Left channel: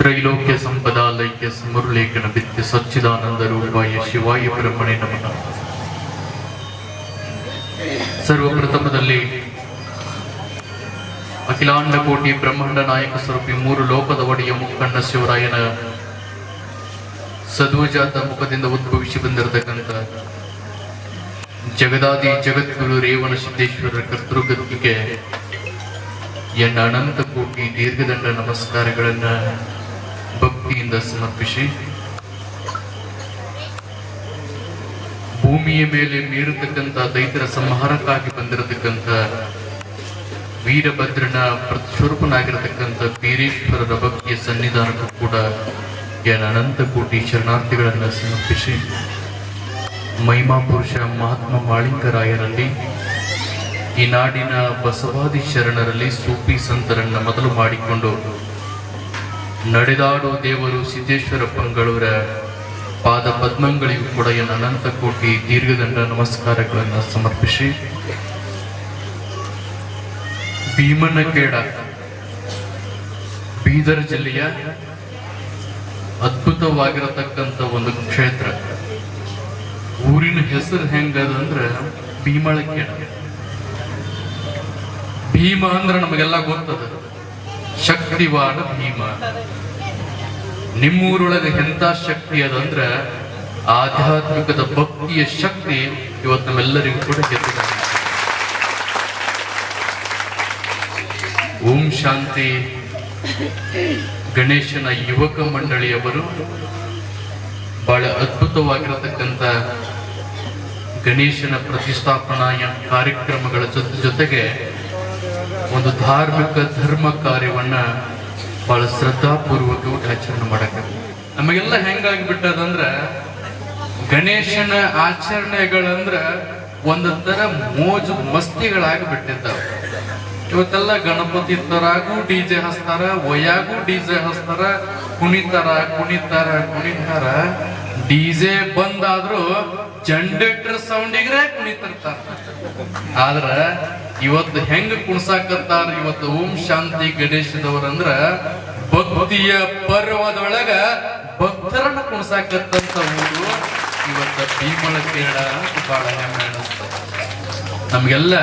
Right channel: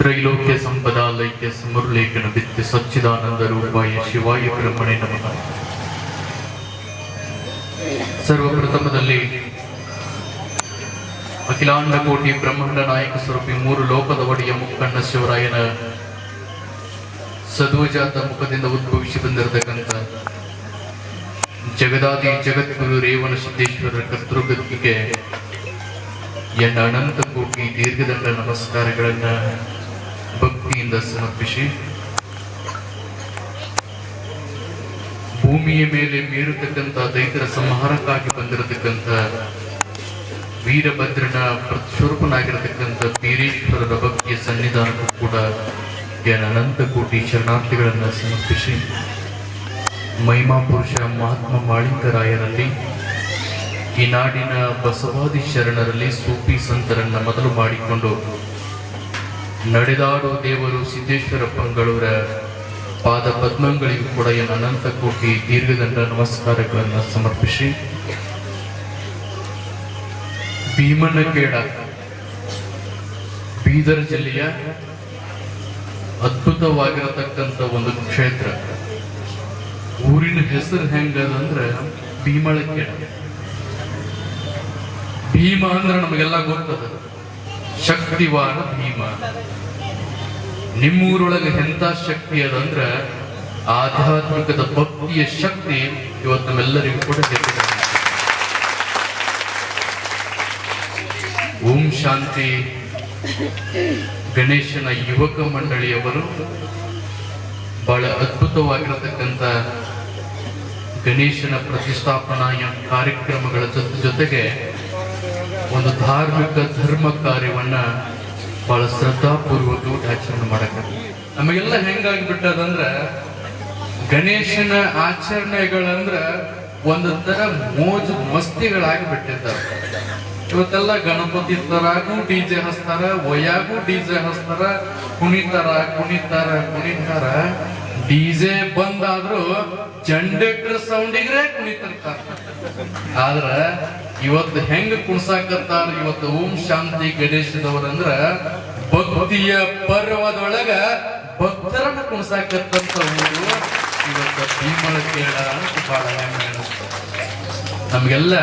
ತ್ರೈಲೋಕ್ಯ ಸಂಪದಾಲೈಕ್ಯ ಸಮರುಲೇಖನ ವಿತ್ಯ ಸಚ್ಚಿದಾನಂದ ರೂಪಾಯ ಶಿವಾಯ ಬ್ರಹ್ಮಣೆ ನಮಃ. ಸರ್ವಪ್ರಥಮದಲ್ಲಿ ಅಖಿಲಾಂಡ ಕೋಟಿ ಬ್ರಹ್ಮಾಂಡ ನಾಯಕ ಸ್ವರೂಪಿ ಮೂರು ಲೋಕದ ಒಡೆಯ ಮುಕ್ಕಣ್ಣ ಶಿವರಾಯನ ಸದ್ವಜಾತ ಮುಖದಿಂದ ಉದ್ಭವಿಸಿ ಬಂದಿರತಕ್ಕಂಥ ಜಗದಾದಿ ಜಗದ್ಗುರು ರೇವಣ ಸಿದ್ದೇಶ್ವರರ ಕರ್ತೃಗದ್ದಿಗೆ ಎನ್ನ ಅನಂತ ಕೋಟಿ ದೀರ್ಘದಂಡ ನಮಸ್ಕಾರಗಳನ್ನ ಭಕ್ತಿಯಿಂದ ಸಮರ್ಪಿಸಿ, ಭೂಮಿಯ ಮೇಲೆ ಮೀರತಕ್ಕಂಥ ದೈತರ ಸಂಹಾರಕ್ಕಾಗಿ ಬಂದಿರತಕ್ಕಂಥ ವೀರಭದ್ರನ ಪ್ರತಿಸ್ವರೂಪನಾಗಿರತಕ್ಕಂಥ ಬೀರೇಶ್ವರರ ಭಕ್ತಿಯ ಸನ್ನಿಧಾನಕ್ಕೂ ಕೂಡ ಎನ್ನ ಅನಂತ ಕೋಟಿ ಶರಣಾರ್ಥಿಗಳನ್ನ ಸಮರ್ಪಿಸಿ, ಮಹಿಮಾ ಪುರುಷ ಮಹಾತ್ಮ ಮಾಳಿಂಗರಾಯರಲ್ಲಿ, ಈ ನಾಡಿನ ಬಸವಾದಿ ಶರಣರಲ್ಲಿ ಸೂಫಿ ಸಂತರನ್ನ ಮೊದಲು ಮಾಡಿಕೊಂಡು ನಡೆದಾಡೋ ದೇವರು ಸಿದ್ದೇಶ್ವರ ಪಂಗಳೂರ ಪಾದ ಪದ್ಮಗಳಿಗೂ ಕೂಡ ಎನ್ನ ಅನಂತ ಕೋಟಿ ದೀರ್ಘದಂಡ ನಮಸ್ಕಾರಗಳನ್ನು ಸಮರ್ಪಿಸಿ, ಭೀಮನಗೇಡ ಬೀದರ್ ಜಿಲ್ಲೆಯ ಅದ್ಭುತವಾಗಿರತಕ್ಕಂಥ ಒಂದು ಕ್ಷೇತ್ರ. ಊರಿನ ಹೆಸರು ಹೆಂಗದಂದ್ರೆ ಭೀಮಳಗೇಡ. ಭೀಮ ಅಂದ್ರೆ ನಮಗೆಲ್ಲ ಗೊತ್ತದ, ಶಕ್ತಿವಾದ ಭೀಮ. ನಿಮ್ಮೂರೊಳಗೆ ಎಂತ ಶಕ್ತಿ ಅದಂದ್ರ ಆಧ್ಯಾತ್ಮಿಕದ ಭಕ್ತಿಯ ಶಕ್ತಿ ಇವತ್ತು ನಮ್ಮೆಲ್ಲರಿಗೂ ಕೂಡ ಬೇಕಿದೆ. ಓಂ ಶಾಂತಿ ಗಣೇಶನ ಯುವಕ ಮಂಡಳಿಯವರು ಬಹಳ ಅದ್ಭುತವಾಗಿರತಕ್ಕಂಥ ಗಣೇಶನ ಪ್ರತಿಷ್ಠಾಪನಾ ಕಾರ್ಯಕ್ರಮಗಳ ಜೊತೆಗೆ ಒಂದು ಧಾರ್ಮಿಕ ಧರ್ಮ ಕಾರ್ಯವನ್ನ ಬಹಳ ಶ್ರದ್ಧಾಪೂರ್ವಕವಾಗಿ ಆಚರಣೆ ಮಾಡಕ್ಕೆ ನಮಗೆಲ್ಲ ಹೆಂಗಾಗ್ಬಿಟ್ಟದಂದ್ರ ಗಣೇಶನ ಆಚರಣೆಗಳಂದ್ರ ಒಂದು ತರ ಮೋಜು ಮಸ್ತಿಗಳಾಗಿ ಬಿಟ್ಟಿದ್ದಾರೆ. ಇವತ್ತೆಲ್ಲ ಗಣಪತಿ ತರಾಗೂ ಡಿಜೆ ಹಚ್ತಾರ, ಒಯ್ಯಾಗೂ ಡಿಜೆ ಹಚ್ತಾರ, ಕುಣಿತಾರ. DJ ಬಂದಾದ್ರೂ generator ಸೌಂಡಿಗ್ರೆ ಕುಣಿತಿರ್ತಾರ. ಆದ್ರ ಇವತ್ತು ಹೆಂಗ ಕುಣ್ಸಾಕತ್ತಾರ ಇವತ್ತು ಓಂ ಶಾಂತಿ ಗಣೇಶದವ್ರಂದ್ರ ಭಕ್ತಿಯ ಪರ್ವದೊಳಗ ಭಕ್ತರನ್ನ ಕುಣ್ಸಾಕತ್ತಂತ ಊರು ಇವತ್ತು ಭೀಮಳಗೇಡ ಅಂತ ಬಹಳ ನಮ್ಗೆಲ್ಲ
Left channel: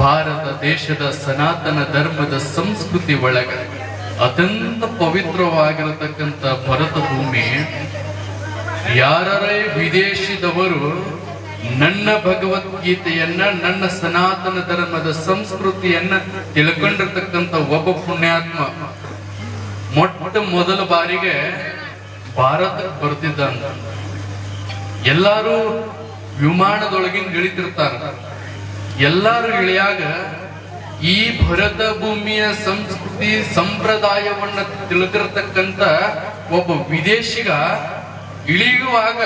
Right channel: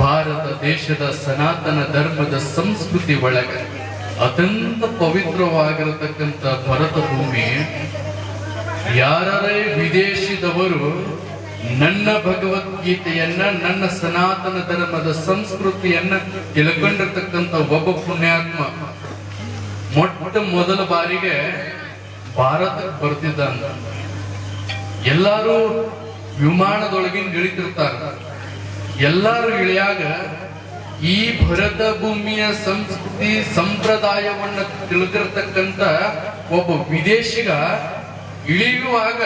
ಭಾರತ ದೇಶದ ಸನಾತನ ಧರ್ಮದ ಸಂಸ್ಕೃತಿ ಒಳಗ ಅತ್ಯಂತ ಪವಿತ್ರವಾಗಿರತಕ್ಕಂಥ ಭರತ ಭೂಮಿ. ಯಾರೇ ವಿದೇಶಿದವರು ನನ್ನ ಭಗವದ್ಗೀತೆಯನ್ನ, ನನ್ನ ಸನಾತನ ಧರ್ಮದ ಸಂಸ್ಕೃತಿಯನ್ನ ತಿಳ್ಕೊಂಡಿರ್ತಕ್ಕಂಥ ಒಬ್ಬ ಪುಣ್ಯಾತ್ಮ ಮೊಟ್ಟ ಮೊದಲ ಬಾರಿಗೆ ಭಾರತಕ್ಕೆ ಬರ್ತಿದ್ದಂತ. ಎಲ್ಲಾರು ವಿಮಾನದೊಳಗಿನ ಇಳಿತಿರ್ತಾರ. ಎಲ್ಲಾರು ಇಳಿಯಾಗ ಈ ಭರತ ಭೂಮಿಯ ಸಂಸ್ಕೃತಿ ಸಂಪ್ರದಾಯವನ್ನ ತಿಳ್ಕಿರ್ತಕ್ಕಂಥ ಒಬ್ಬ ವಿದೇಶಿಗ ಇಳಿಯುವಾಗ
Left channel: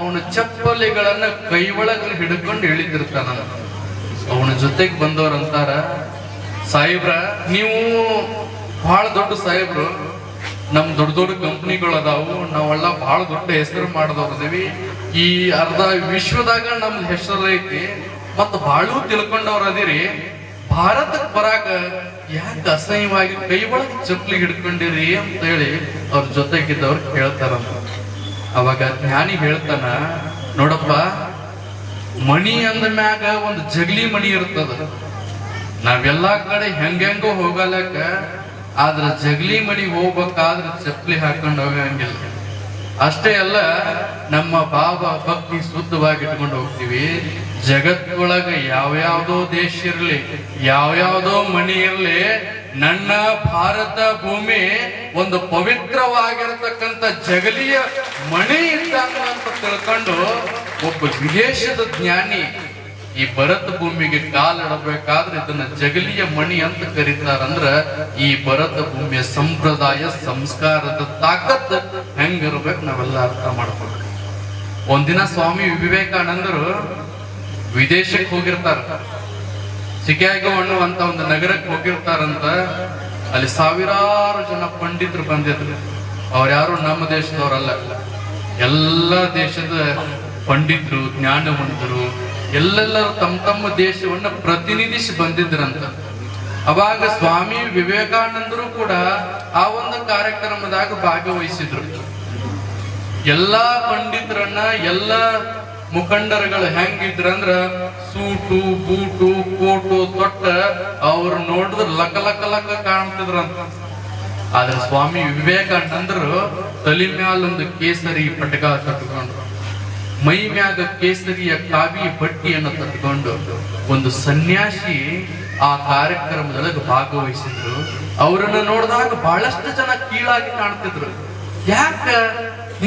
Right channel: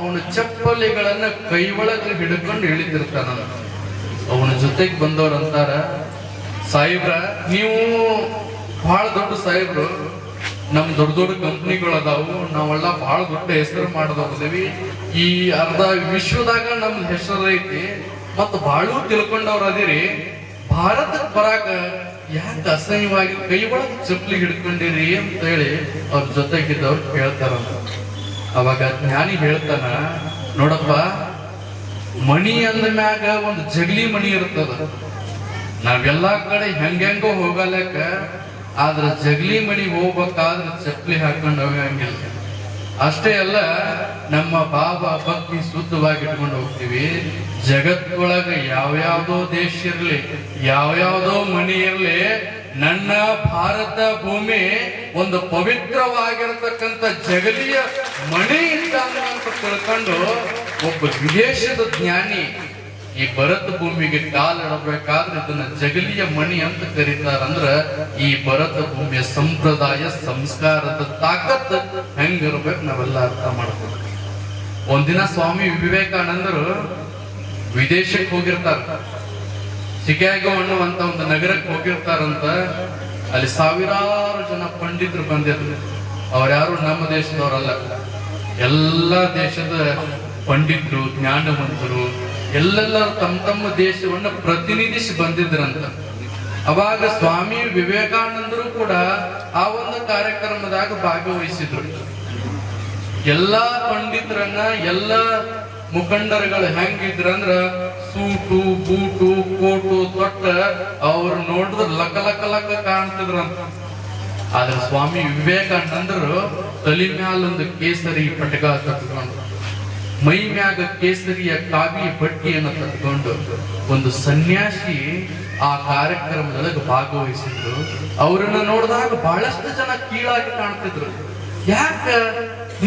ಅವನ ಚಪ್ಪಲಿಗಳನ್ನ ಕೈ ಒಳಗೆ ಹಿಡ್ಕೊಂಡು ಇಳಿದಿರ್ತಾನ. ಅವನ ಜೊತೆಗೆ ಬಂದವ್ರಂತಾರ, ಸಾಹೇಬ್ರ ನೀವು ಬಹಳ ದೊಡ್ಡ ಸಾಹೇಬ್ರು, ನಮ್ ದೊಡ್ಡ ದೊಡ್ಡ ಕಂಪ್ನಿಗಳು ಅದಾವು, ನಾವೆಲ್ಲ ಬಹಳ ದೊಡ್ಡ ಹೆಸರು ಮಾಡದವ್ರದೇವಿ, ಈ ಅರ್ಧ ವಿಶ್ವದಾಗ ನಮ್ ಹೆಸರು ಐತಿ, ಮತ್ತ ಬಹಳ ತಿಳ್ಕೊಂಡವ್ರ ಅದಿರಿ, ಭಾರತಕ್ಕೆ ಬರಾಕ ಯಾಕೆ ಅಸಹ್ಯವಾಗಿ ಕೈ ಒಳಗೆ ಚಪ್ಪಲಿ ಹಿಡ್ಕೊಂಡಿರಿ ಅಂತ ಹೇಳಿ ಅವ್ರ ಜೊತೆಗಿದ್ದವ್ರು ಕೇಳ್ತಾರಂತ. ಅವಾಗ ಜ್ಞಾನಿ ಹೇಳ್ತಾನ, ನೋಡಪ್ಪ, ಮಣಿ ಅಂದ ಮ್ಯಾಗ ಒಂದು ಜಗಲಿ ಮಣಿ ಇರ್ತದ. ನಾವೆಲ್ಲಾ ಕಡೆ ಹೆಂಗೋ ಹೋಗಲಕ್ಕ, ಆದ್ರ ಜಗಲಿ ಮಣಿ ಹೋಗ್ಬೇಕಾದ್ರ ಚಪ್ಪಲಿ ಹಾಕೊಂಡು ಹೋಗಂಗಿಲ್ಲ. ಅಷ್ಟೇ ಅಲ್ಲ, ನಮ್ಮ ಬಾಬಾ ಭಕ್ತಿ ಶುದ್ಧವಾಗಿ ಇಟ್ಕೊಂಡು ಹೋಗ್ತೀವಿ. ಜಗತ್ತೊಳಗ ಯಾವ್ಯಾವ್ದೋ ದೇಶ ಇರ್ಲಿ, ಯಾವ್ಯಾವ್ದೋ ಮಣಿ ಇರ್ಲಿ, ನನ್ನ ಭಾರತ ಭೂಮಿ ಒಂದು ಪವಿತ್ರವಾಗಿರತಕ್ಕಂಥ ಜಗಲಿಯ ಮಣಿ ಇದ್ದಂಗ ಅಂತ ತಿಳ್ಕೊಂಡು ಒಬ್ಬ ವಿದೇಶದ ಜ್ಞಾನಿ ಈ ಭರತ ಭೂಮಿಗೆ ಕಾಲಿಡಬೇಕಾದ್ರೆ ಇದನ್ನ ಜಗಲಿಯ ಮಣಿ ಅಂತ ಕರೀತಾರಂದ್ರ ಈ ಭರತ ಭೂಮಿಯ ಸಂಪ್ರದಾಯ ಸಂಸ್ಕಾರದ ತಾಕತ್ ಹೆಂಗಿರ್ಬೇಕು ನಾವೆಲ್ಲ ಅರ್ಥ ಮಾಡ್ಬೇಕು. ಒಂದಿನ ಸ್ವಾಮಿ ವಿವೇಕಾನಂದರು ವಿದೇಶಕ್ಕೆ ಹೋಗಿರ್ತಾರ. ಚಿಕಾಗೋ ಅನ್ನುವಂತ ಒಂದು ನಗರಕ್ಕೆ ಹೋಗಿರ್ತಾರಂತ. ಅಲ್ಲಿ ಸಾವಿರಾರು ಜನ ಪಂಡಿತರು ಬಂದಿದ್ರು. ಅವ್ರ್ಯಾರು ನಮ್ಮ ದೇಶದವರಲ್ಲ, ಎಲ್ಲ ದೇಶದ ಪಂಡಿತರು, ಜ್ಞಾನವಂತರು, ಎಲ್ಲೆಲ್ಲರೂ ತಮ್ಮ ತಮ್ಮ ದೇಶವನ್ನ ಪ್ರತಿನಿಧಿಸಿ ಬಂದಿದ್ರಂತ. ಅವಾಗ ಸ್ವಾಮಿ ವಿವೇಕಾನಂದರು ಕೂಡ ಆ ಒಂದು ಕಾರ್ಯಕ್ರಮದಾಗ ಭಾಗವಹಿಸಿದ್ರು. ಎಲ್ಲಾ ಪಂಡಿತರನ್ನ ಎಲ್ಲ ಮುಖಂಡರುಗಳು ಹೆಂಗಿದ್ರಂದ್ರ ಸೂಟು ಬೂಟು ಕೋಟು ತೊಟ್ಟ ಅವ್ರು ನೋಡಿದ್ರ ಲಕ ಲಕ ಲಕ ಕಾಣ್ತಿದ್ರಂತ. ಆದ್ರೆ ಸ್ವಾಮಿ ವಿವೇಕಾನಂದರು ತಲೆ ಮ್ಯಾಲೊಂದು ಕೇಸರಿ ಪಟಕ ಕಟ್ಕೊಂಡು, ಮೈ ಮ್ಯಾಗ ಕೇಸರಿಯ ಕಾವಿ ಬಟ್ಟಿಯನ್ನು ಕಟ್ಕೊಂಡು ಒಂದು ಸನ್ಯಾಸಿ ಆ ಕಾರ್ಯಕ್ರಮದೊಳಗೆ ಭಾಗವಹಿಸಿದ್ರು. ಅವರನ್ನ ನೋಡಿದಾಗ ಬಹಳಷ್ಟು ಜನ ಕೀಳಾಗಿ ಕಾಣ್ತಿದ್ರು. ಯಾಕ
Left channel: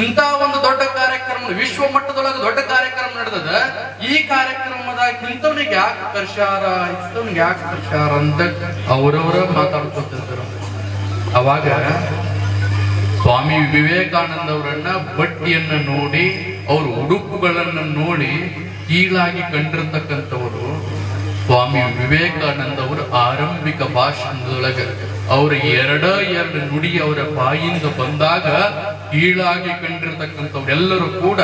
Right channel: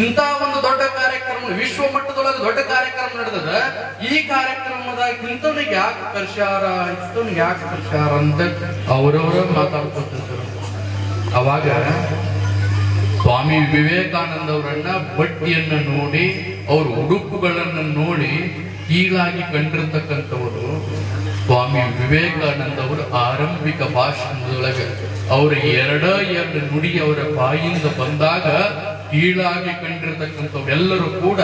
ಇಂತ ಒಂದು ದೊಡ್ಡ ಕಾರ್ಯಕ್ರಮ, ವಿಶ್ವ ಮಟ್ಟದೊಳಗೆ ದೊಡ್ಡ ಕಾರ್ಯಕ್ರಮ ನಡೆದದ, ಈ ಕಾರ್ಯಕ್ರಮದಾಗ ಇಂಥವ್ನಿಗೆ ಯಾಕೆ ಕರ್ಸ್ಯಾರ, ಇಂಥವ್ನಿಗೆ ಯಾಕೆ ಕರ್ಸ್ಯಾರ ಅಂತ ಅವರವರ ಮಾತಾಡ್ಕೊತಿದ್ರು. ಅವಾಗ ಸ್ವಾಮಿ ವಿವೇಕಾನಂದ ಅವರನ್ನ ಬಟ್ಟಿಯನ್ನ ನೋಡಿ, ಅವ್ರ ಉಡುಪುಗಳನ್ನ ನೋಡಿ ಕೀಳಾಗಿ ಕಂಡಿರ್ತಕ್ಕಂಥವರು ಸ್ವಾಮಿ ವಿವೇಕಾನಂದ ಅವರ ಆರಂಭಿಕ ಭಾಷಣದೊಳಗೆ ಅವರ ಎರಡು ನುಡಿ ಅವರ ಬಾಯಿಂದ ಬಂದಾಗ ಕೀಳಾಗಿ ಕಂಡಿರ್ತಕ್ಕಂಥವ್ರೆಲ್ಲರೂ ಕೂಡ